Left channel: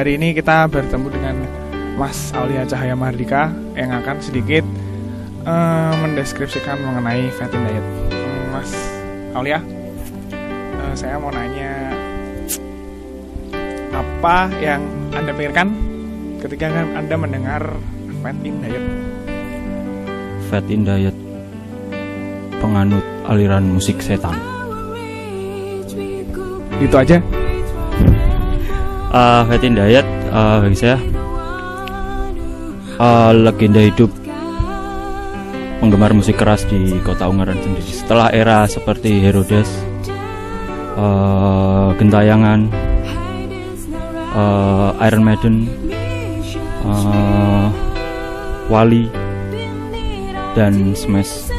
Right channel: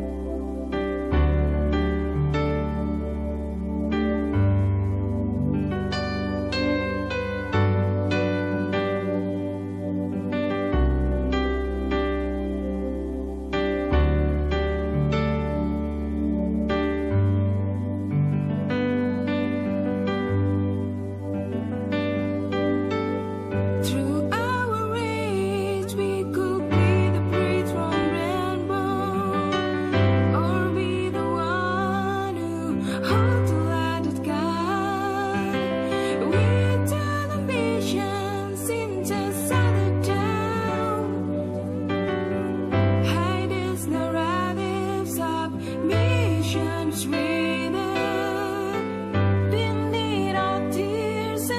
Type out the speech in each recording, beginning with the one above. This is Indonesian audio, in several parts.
Hari ini kita bertemu dengan Mas Aulia Cahaya Mardika yang akan sedikit mendeskripsikan mengenai Fatty Diet. Mas Aulia, saya mau nanya, apa yang Anda pikirkan ketika Anda mendengar Fatty Diet? Fatty Diet, penganut aliran musik setan. Itu aja. Fatty Diet bagi saya legenda hidup penggemar musik keras di Kota Ungaran sendiri. Setelah era seperti Herodes, Gentayangan, Iron Maiden, Wali, dan Smash.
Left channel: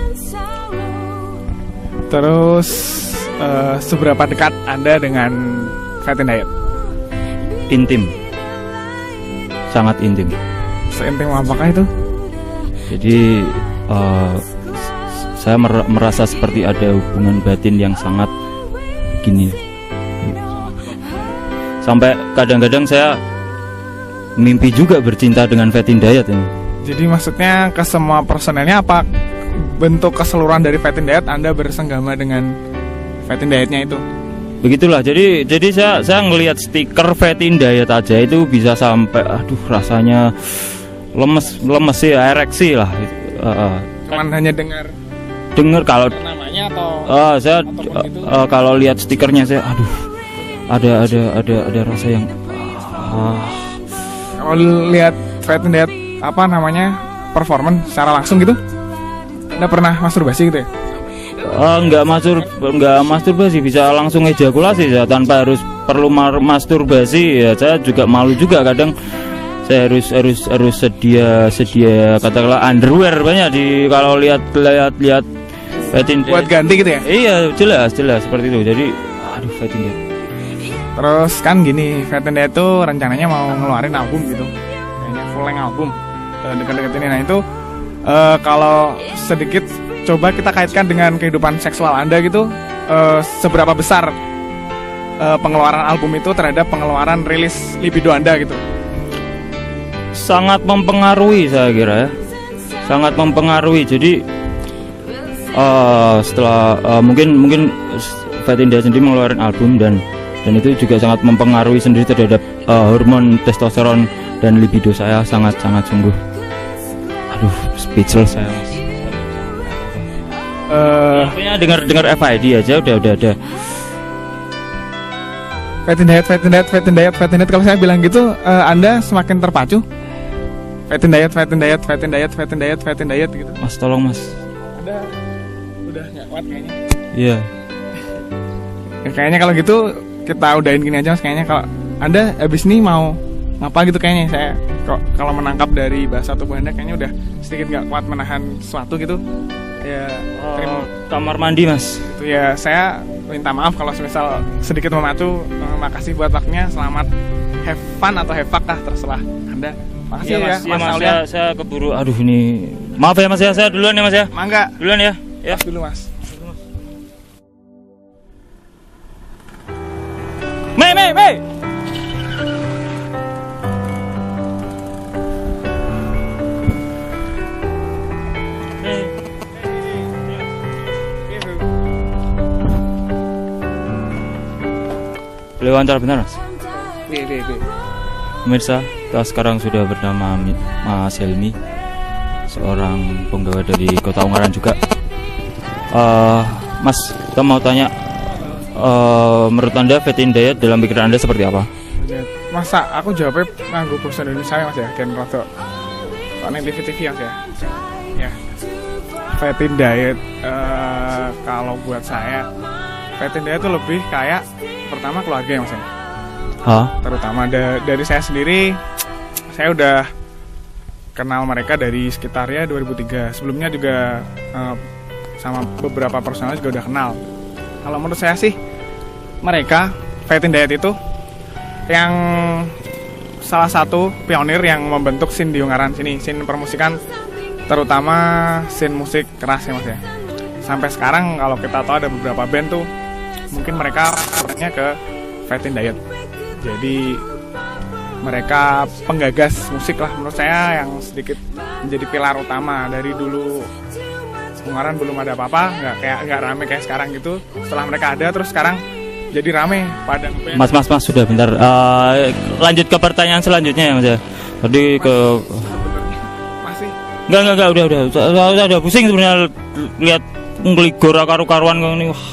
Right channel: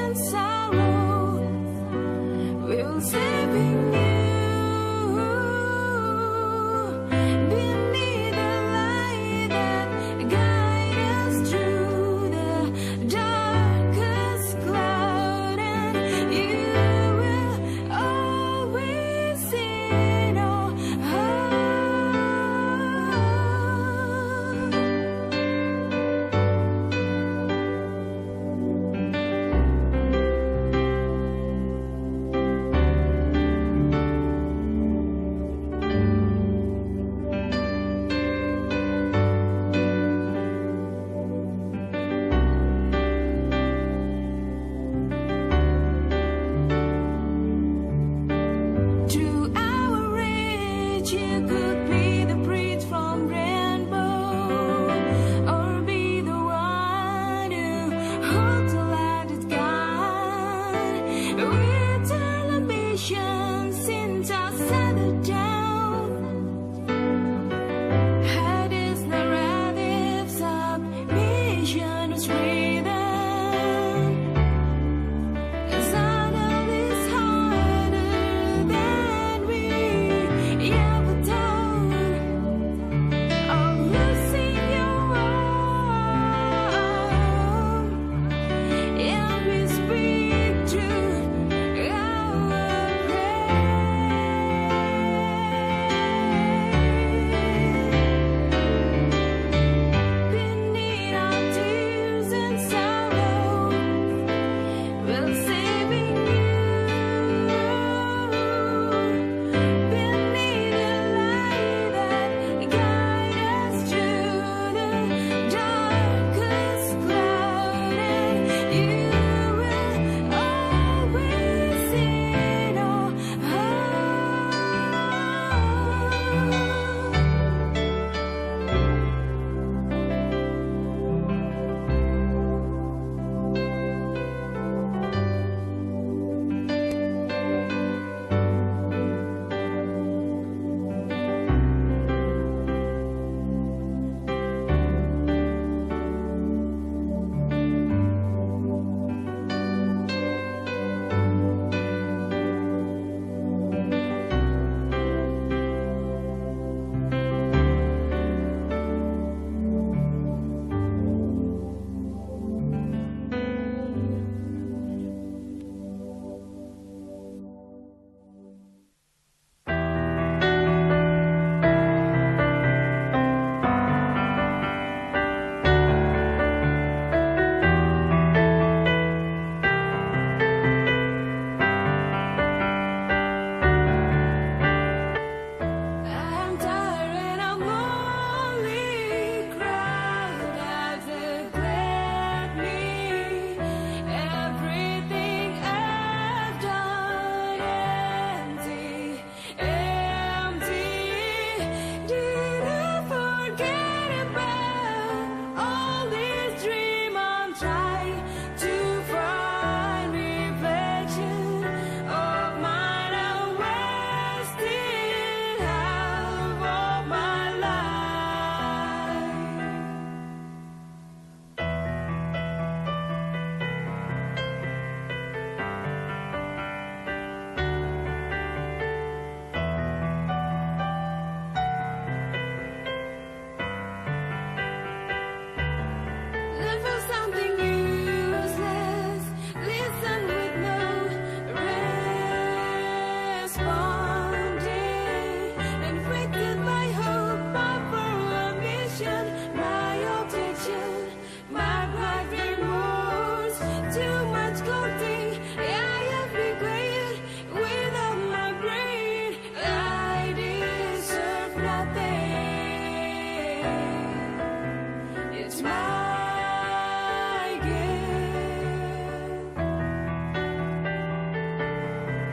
Terus seberapa dekat Anda dengan Fatty Diet? Intim, sangat intim. Seintim apakah itu? Jadi saya merasa seperti ada hubungan batin yang sangat gini. Sampai kadang-kadang saya mimpi juga bercinta dengan Fatty Diet ini. Jadi maksudnya ke semua personelnya, apa bentuk keseluruhan dari Fatty Diet Anda bersenggama dengan Fatty Dietnya itu? Begitulah. Jadi saya ngelihat stiker Fatty Diet aja itu bisa sampai rasanya lemes sih, ereksi lah. Cuman hanya dengar kalau namanya atau saya kalau lihat stikernya saya ada rasa yang kalau lihat Fatty Diet performance secara langsung gitu, Anda pernah masturbasi gitu ya? Nggak masturbasi, bisa langsung ejakulasi ya, tanpa perlu masturbasi ya. Saya juga malu juga kadang. Saya harus sedia katakanlah underwear banyak kalau lihat buat ganti gitu ya? Iya, jelas seperti itu. Jadi Fatty. Terus kan gini, Fatty Diet itu rencananya mau ngeluarin album gitu, full length album dekat-dekat ini. Nah itu kalau sedikit coba kita kaitkan dengan kehidupan seksual Anda gitu, seberapa besar pengeluaran album itu terhadap pengeluaran rilis libido Anda gitu? Sangat mempengaruhi, saya kira ya. Sangat mempengaruhi. Jadi setelah mungkin Fatty Diet sendiri mengeluarkan album dan itu juga sangat mempengaruhi sendiri terhadap hormon testosteron dan libido saya sangat sembuh. Speechless saya. Dengar FID aja udah. Fatty Diet. Kalau saya bilang gitu, Anda semakin terpacu. Fatty Diet gitu. Mas, tolong Mas. Udah nggak kuat kayaknya. Iya. Ya, kayaknya kalau gitu kita udahin gini aja Mas. Kayaknya kalau Anda habis ini mau ngapa gitu, kayaknya saya kalau menangkap dari bahasa tubuh Anda kayaknya udah sedikit nggak kuat menahan sesuatu gitu. Ya, terima. Kamar mandi Mas. Itu ya, saya minta maaf kalau misal sedikit memacu. Makasih buat waktunya. Selamat have fun atau have fuck lah, terserah Anda. Makasih Iya, ya Mas Aulia. Saya keburu. Ini maaf ya Mas ya, saya duluan ya Mas ya. Mangga. Duluan ya. Ya. Dulu Mas. Mei. Boleh wawancara benar Mas? Pemirsa, kita sekarang sudah bernama Mas Helmi, seorang penggawa dari Kota Ungaran juga. Mas, kita mau tanya, menurut Anda Fatty Diet dalam pikiran Anda seperti apa? Masa aku jawabnya nganggo bahasa Indonesia ya Mas ya, kan rada TV ya Mas ya. Fatty Diet kalau buat saya Fatty Diet itu lebih kayak pertama keluarga ya Mas ya. Terutama dari saya sendiri, saya udah kenal mereka dari sekitar ya 2003. Sebelumnya juga sama beberapa personal juga udah kenal. Kalau menurut saya sih, mereka Fatty Diet itu yang salah satu pionir yang membentuk scene di Ungaran sini, scene permusikan, terutama scene musik keras ya Mas ya. Sampai sekarang kalau kita tahu ada beberapa band tuh, mungkin mereka orangnya ke Fatty Diet. Jadi mereka penggagas musik lah menurut saya, yang sedikit menjadi pilar utama. Dari dulu kemarin belum ada apa-apa, nggak rame kayak sekarang gitu. Setelah mereka ada, terus sekarang jadi rame pada. Mas sudah bentar. Lanjut ke pertanyaan selanjutnya ya Mas ya. Tadi ke Masih enggak udah pusing sebenarnya lihat ngeligor karu-karuan ini. Wah.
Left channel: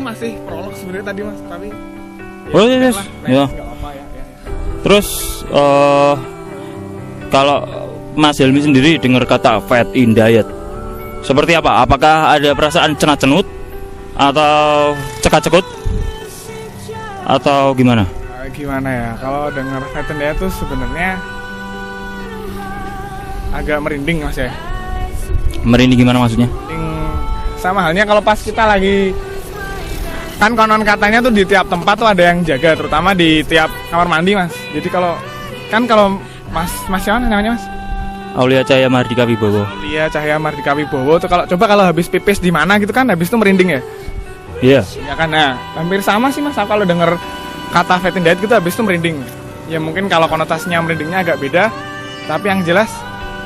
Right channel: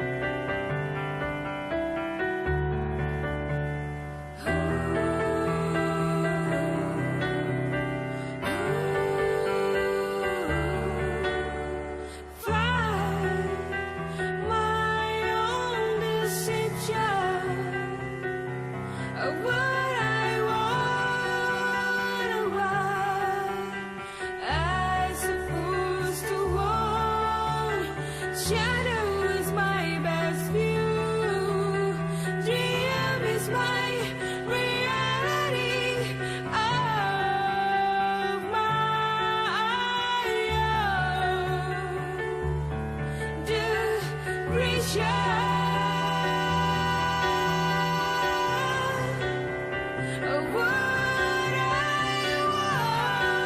itu masih prolog sebenarnya tadi Mas, tapi Oh yes. Ya. Terus kalau Mas Helmi sendiri dengar kata fat in diet, seperti apa? Apakah ada perasaan cenut atau cekak-cekut atau gimana? Gimana ya, kalau dengar fat in diet tuh sebenarnya agak merinding Mas ya. Merinding gimana maksudnya? Sama halnya kalau pas kita lagi, kan konon katanya tuh di tiap tempat tuh ada yang jaga, terutama di tiap kamar mandi Mas. Jadi kalau Mas siapa namanya Mas? Aulia Cahaya Mardika Wibowo. Iya, Cahaya Mardika Wibowo tuh kalau habis pipis di mana gitu kan, habis itu merinding ya. Iya. Ya kan, nah hampir sama sih Mas. Aku kalau denger kata fat in diet gitu habis itu merinding. Ya mungkin kalau konotasinya merindingnya agak beda, tapi yang jelas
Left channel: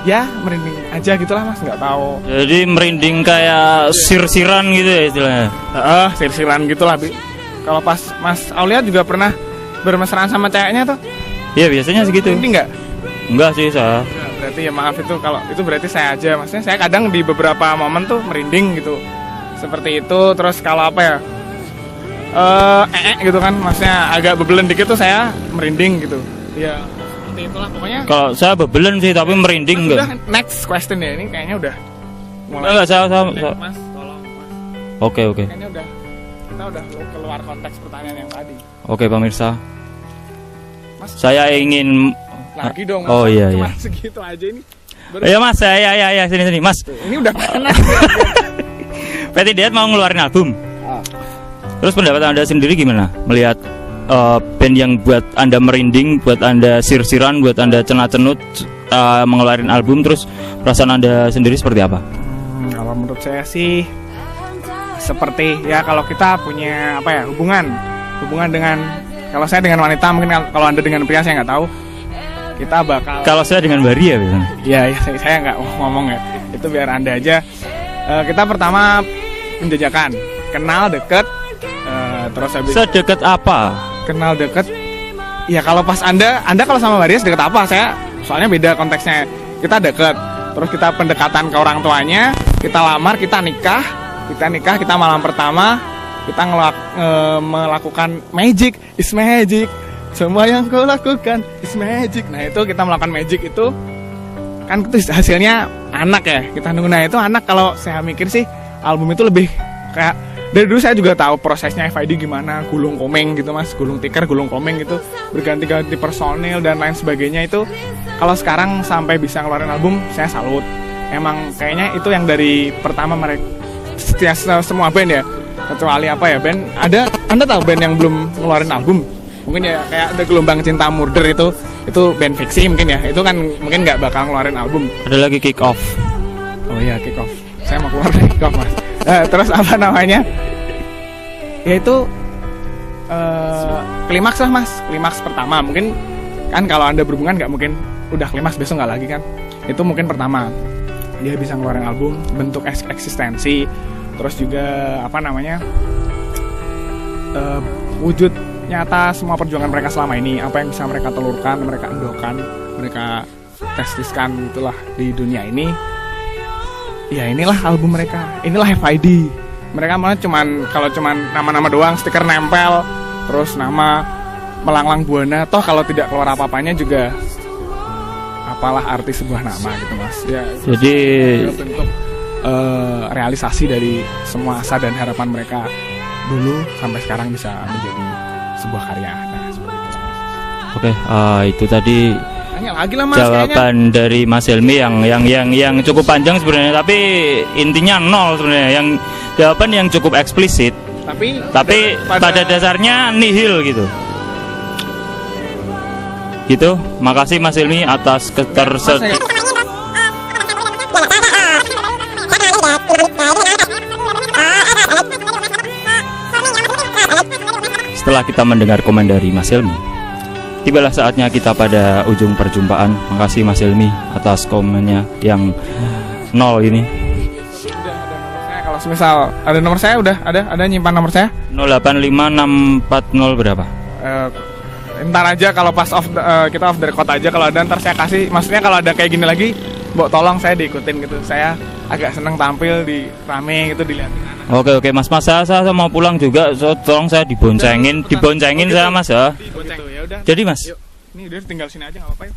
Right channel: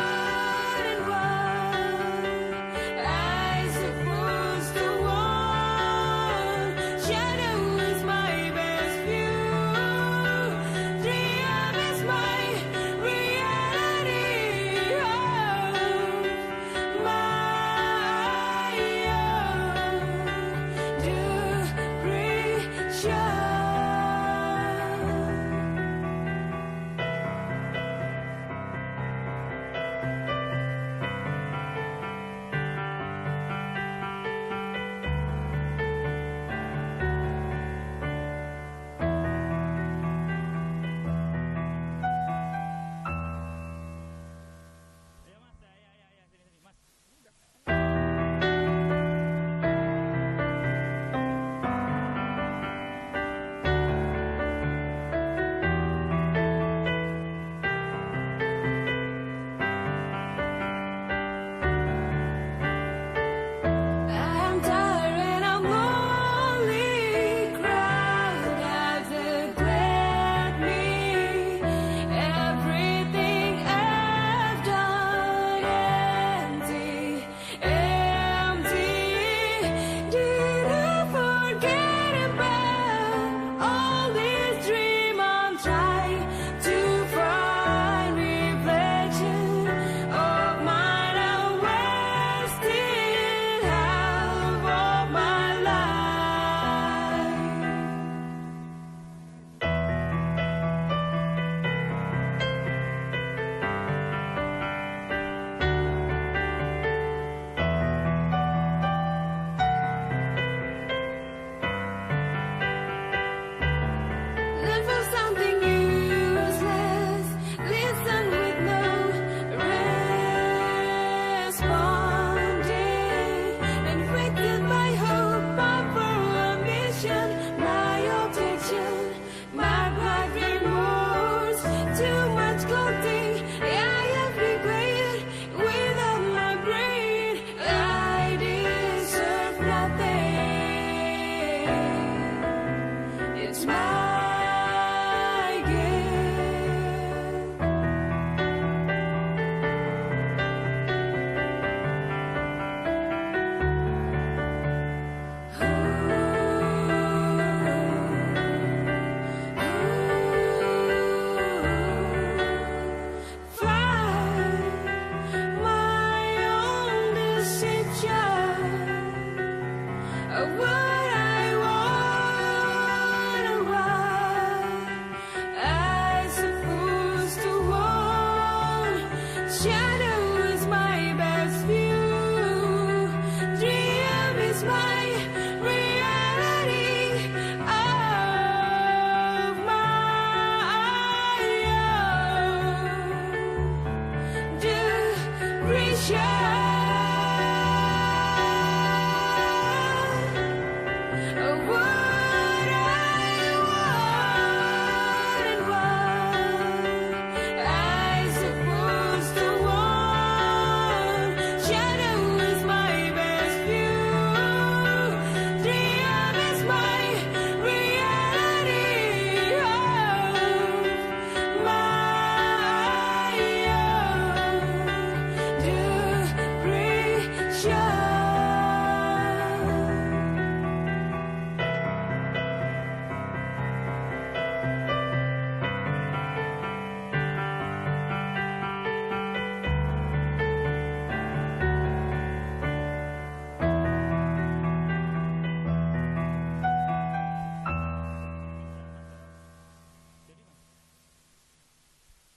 ya merinding aja gitulah Mas, nggak tahu. Jadi merinding kayak sir-siran gitu ya istilahnya. Sir-siran gitulah. Kalau pas Mas Aulia juga pernah bermesraan sama ceweknya tuh. Iya biasanya segitu. Merinding nggak? Enggak sih saya. Berarti ya maaf itu, kalau itu berarti saya aja. Maksudnya saya kadang di beberapa momen tuh merinding gitu. Seperti itu. Terus kalau apa ya, gitu kan, maksudnya agak bebelen dikit tuh saya merinding gitu. Ya seperti itulah pokoknya. Kalau saya bebelen sih tapi merinding enggak. Udah next question ya, ini kayaknya udah Enggak, saya. Mas, tolong. Oke. Kayaknya kita udah keluar konteks pertanyaan yang tadi. Oke pemirsa. Mas, Saya ingin lagi dong Mas. Oh iya. Cuma segitu aja ini. Ya Mas, ya sini Mas. Ini udah panas. Fat in Diet mau ngeluarin album. Terus pendapat Anda sendiri gimana melihat band yang buat Anda merinding, buat Anda sir-siran, buat Anda cenat-cenut mengeluarin album, terus perasaan Anda sendiri seperti apa? Kalau menurut saya sih seperti ya, kalau kita punya apa ya, hubungan dengan, kalau saya dengan wanita, mungkin kalau Anda dengan pria saya nggak tahu, kita bakal. Kalau saya dengan Baria biasanya. Ya saya nggak ngomong ya, itu biar Anda aja. Kita pertama penjajakan, kenal deket, terus habis sedekat apa? kenal deket. Ya kalau pas Anda kalau sama Baria sedekat apa? Saya soalnya beda konteksnya. Kita deket, terus kita pendekatan ke orang tuanya, kita lamar, kita nikah, kita malam pertama, kita melakukan magic, is magic. Semua yang kau lakukan is magic. Nah itu kita melakukan magic itu kan itu hasilnya anak ya. Kita nunggu, nah itu anak. Kalau saya mikir sih album itu lebih kayak, dari dulu saya juga tahu prosesnya FID gimana, gulung komeng gitu Mas, gulung tikar, gulung komeng gitu, berganti-ganti personil dan lain sebagainya. Itu kalau sekarang sampai bisa ngeluarin album, saya salut. Emang kayaknya itu yang dari pertama mereka, semua band ya, kecuali apa ya, band ada, Anda tahu band yang belum ngeluarin album mungkin ya, kayak ada Gelombang Cinta Murder, itu band fiksi mungkin ya, itu kan mungkin nggak bakal ngeluarin album. Ada lagi Kick Off. Oh iya, Kick Off, saya mau keluar dari Kick Off Mas. Terus apa namanya, yaitu klimaks lah Mas, klimaks pertama. Mungkin kan kalau Anda berhubungan nggak mungkin udah klimaks besok nggak lagi kan, itu mungkin pertama dia bisa ngeluarin album, bentuk eksistensi, terus juga apa namanya, wujud nyata semua perjuangan mereka selama ini, apa yang bisa mereka telurkan, mereka endorkan, mereka testiskan gitulah di dunia ini. Ya inilah album mereka, inilah FID. Mereka malah kalau cuman nama-nama doang, stiker nempel, terus nama melanglang buana, toh kalau tidak keluar apa-apanya juga apalah arti sebuah nama gitu Mas ya. Jadi bentuk realisasi dari semua asa dan harapan mereka dulu sampai sekarang bisa menjadi sebuah karya. Oke, itu tadi lagi lah, Mas, jawaban kayaknya dari Mas Helmi yang cukup panjang sebenarnya, tapi intinya nol sebenarnya. Yang jawaban yang cukup eksplisit, tapi pada dasarnya nihil gitu. Gitu. Makasih Mas Helmi atas setelah kita mendengar komen dari Mas Helmi, tibalah saatnya kita pada ujung perjumpaan. Makasih Mas Helmi atas komennya yang 0 ini. Kalau misal ada nomor saya udah ada nyimpan nomor saya 085640 berapa? Ntar aja kalau pas kita off the record aja, kalau ada ntar saya kasih. Maksudnya kalau ada kayak gini lagi, Mbok tolong saya diikutin gitu. Saya agak seneng tampil di rame gitu, dilihat. Oke Mas saya mau pulang juga, tolong saya diboncengin saya Mas ya. Dibonceng. Ya udah. Jadi Mas, Ini udah tinggal sini aja nggak apa-apa. Yuk.